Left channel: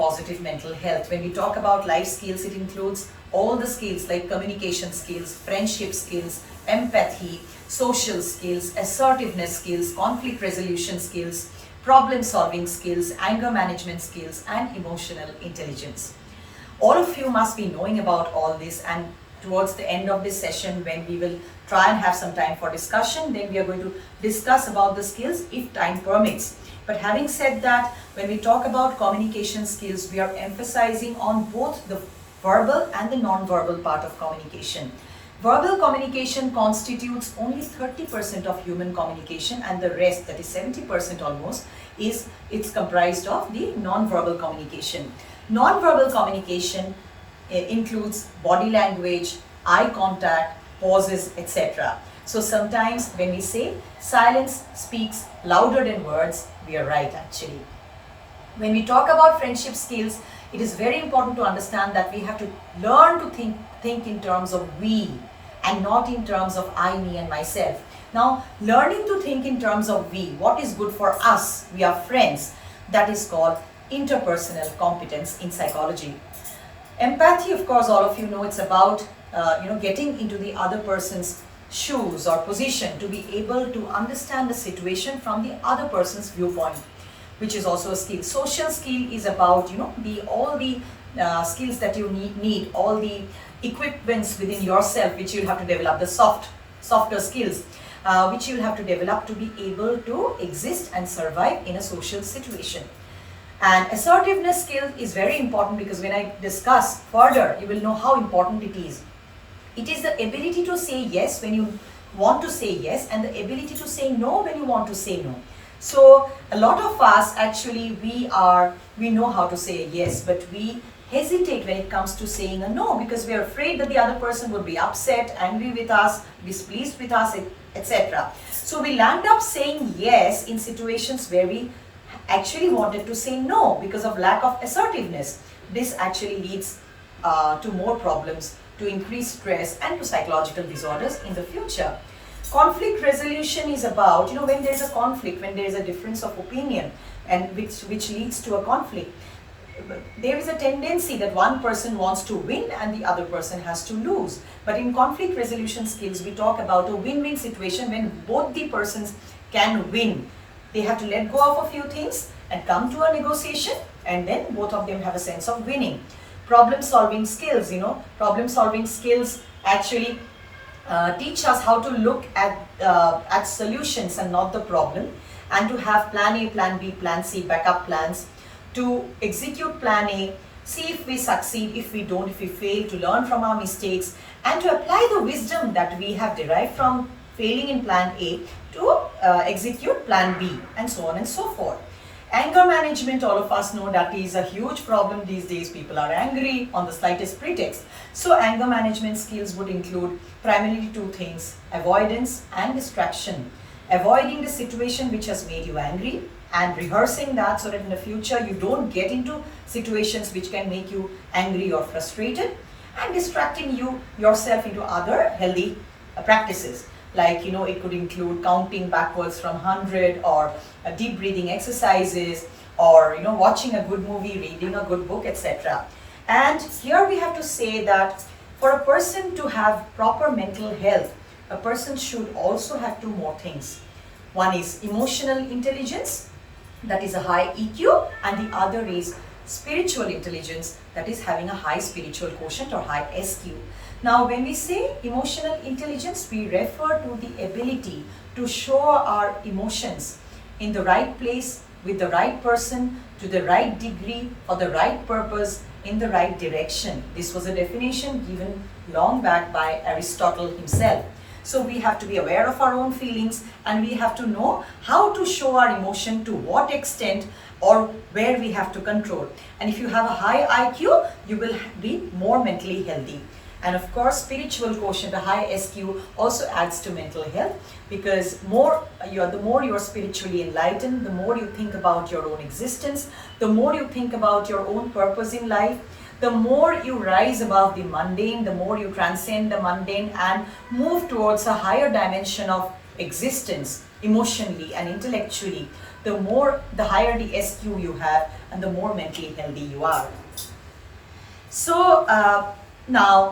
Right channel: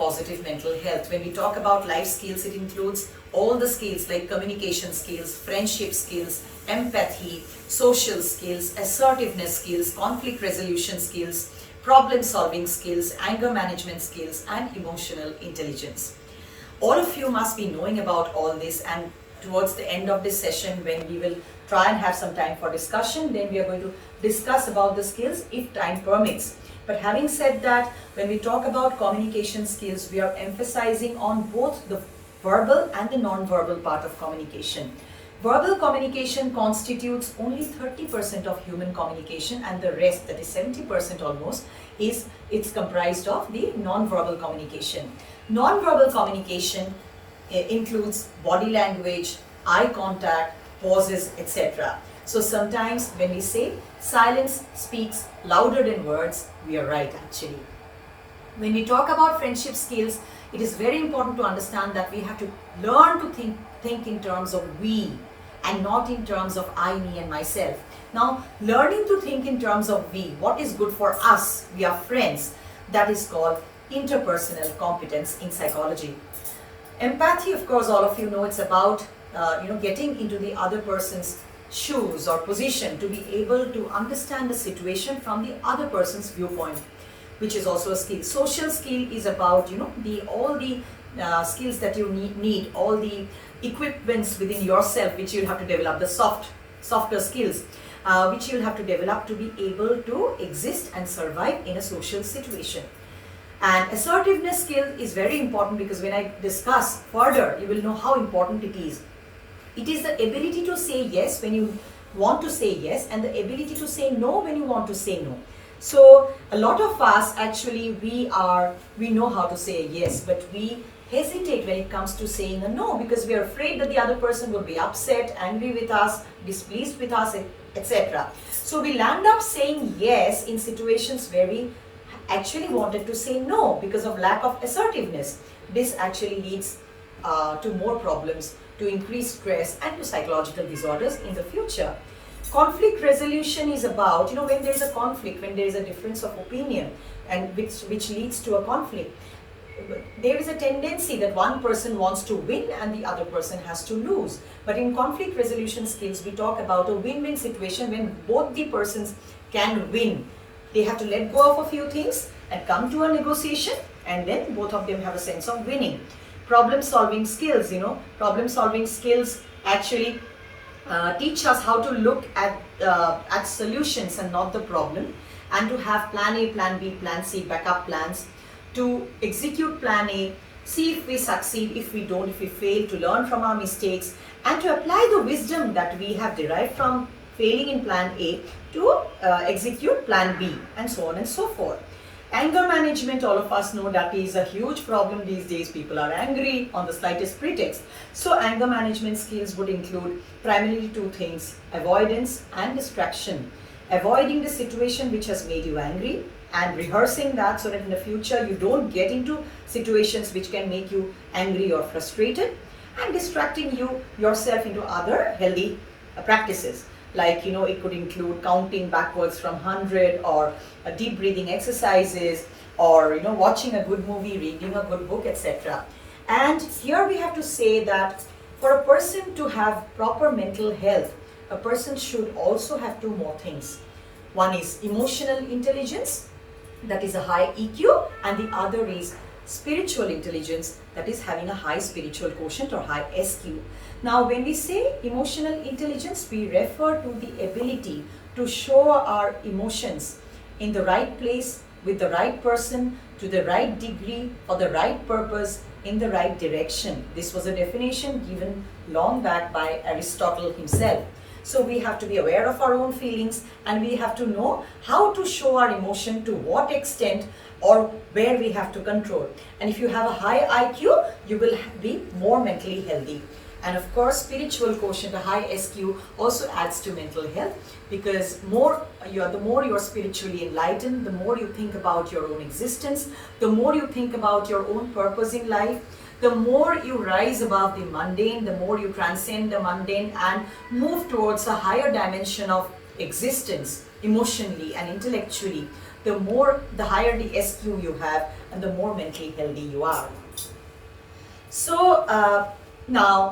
positive mental health. When we talk about life skills, it includes all the skills like communication skills, friendship skills, empathy, social skills, assertiveness skills, conflict resolution skills, problem solving skills, anger management skills, and emotional intelligence. All of you must be knowing about all this, and towards the end of this session, when we will try and have some time for discussion, then we are going to discuss about the skills if time permits. But having said that, when we talk about communication skills, we are emphasizing on both the verbal and the non-verbal part of communication. Verbal communication constitutes only 30% of human communication, and the rest, that is 70% almost, it's comprised of the non-verbal communication. Non-verbal communication includes body language, eye contact, pauses, etc. So sometimes when we say silence speaks louder than words, we are right actually. When we talk about friendship skills, it is very important to understand that we have to learn to think in terms of we and not in terms of I, me and myself. Now, learning to think in terms of we, what is good for us, we are friends, that is called interpersonal competence in psychology. Empathy, of course, all of you know, it's about getting into the other person's shoes or position to be able to understand the situation from the other person's viewpoint, which is also a skill. Social skill is about all the skills that you need, all the equipments within yourself which you'll have to develop, the softer skills which you'll have to develop to be able to exist and survive in a social situation. And assertiveness skill is very important, because when I discuss further, you will know how important it is. It is the ability to say yes when you want to say yes, and the ability to say no when you want to say no. So a lot of us actually, we know how to say a yes, but we hesitate when it comes to saying a no, because we are afraid that the other person will be upset, angry with us, displeased with us, etc. So we land up saying yes in situations where we actually wanted to say no because of lack of assertiveness. This actually leads to more problems, to increased stress, and to psychological disorders in the future. Conflict resolution is about, when there is a conflict, when there is a difference of opinion, and which leads to a conflict, there is a tendency that one person wants to win and the other person has to lose. But in conflict resolution skills, we talk about a win-win situation when both the persons can win. They have to let go of a few things and come to a negotiation, and then both of them have a sense of winning. Problem solving skills, problem solving skills actually teach us how to look at solutions and not the problem, and to have plan A, plan B, plan C, backup plans, to execute plan A, see if we succeed, if we don't, if we fail, to learn from our mistakes, and to apply the wisdom that we have derived from failing in plan A to execute plan B, and so on and so forth. Anger management, all of us know that is a huge problem these days. People are angry on the slightest pretext. So anger management skills would include primarily two things: avoidance and distraction. Avoiding the situation which has made you angry, and rehearsing that so that in the future you don't get into situations which can make you angry or frustrated, and distracting yourself into other healthy practices. Like, it could include counting backwards from 100, or deep breathing exercises, or, watching a good movie, reading a good book, etc. And here we have to say that for a person to have proper mental health, a person should also have two more things. One is emotional intelligence, that is a high EQ, and the other is spiritual intelligence, that is having a high spiritual quotient or high SQ. Now, when we say emotional intelligence, we refer to the ability to show our emotions in the right place, with the right person, to the right degree, for the right purpose, in the right direction. This was a definition given long back by Aristotle himself. So we have to be aware of our own feelings, and we have to know how to show our emotion, to what extent, or where we have to control. And if you have a high IQ, you will be more mentally healthy. And of course, spiritual quotient, a high SQ, also adds to mental health, because the more you are spiritually enlightened, the more you think about your own existence, the more you think about your own purpose in life, the more you rise above the mundane, the more you transcend the mundane and move towards a higher dimension of existence, emotionally and intellectually. The higher the SQ you have, and the more mentally healthy you are. So now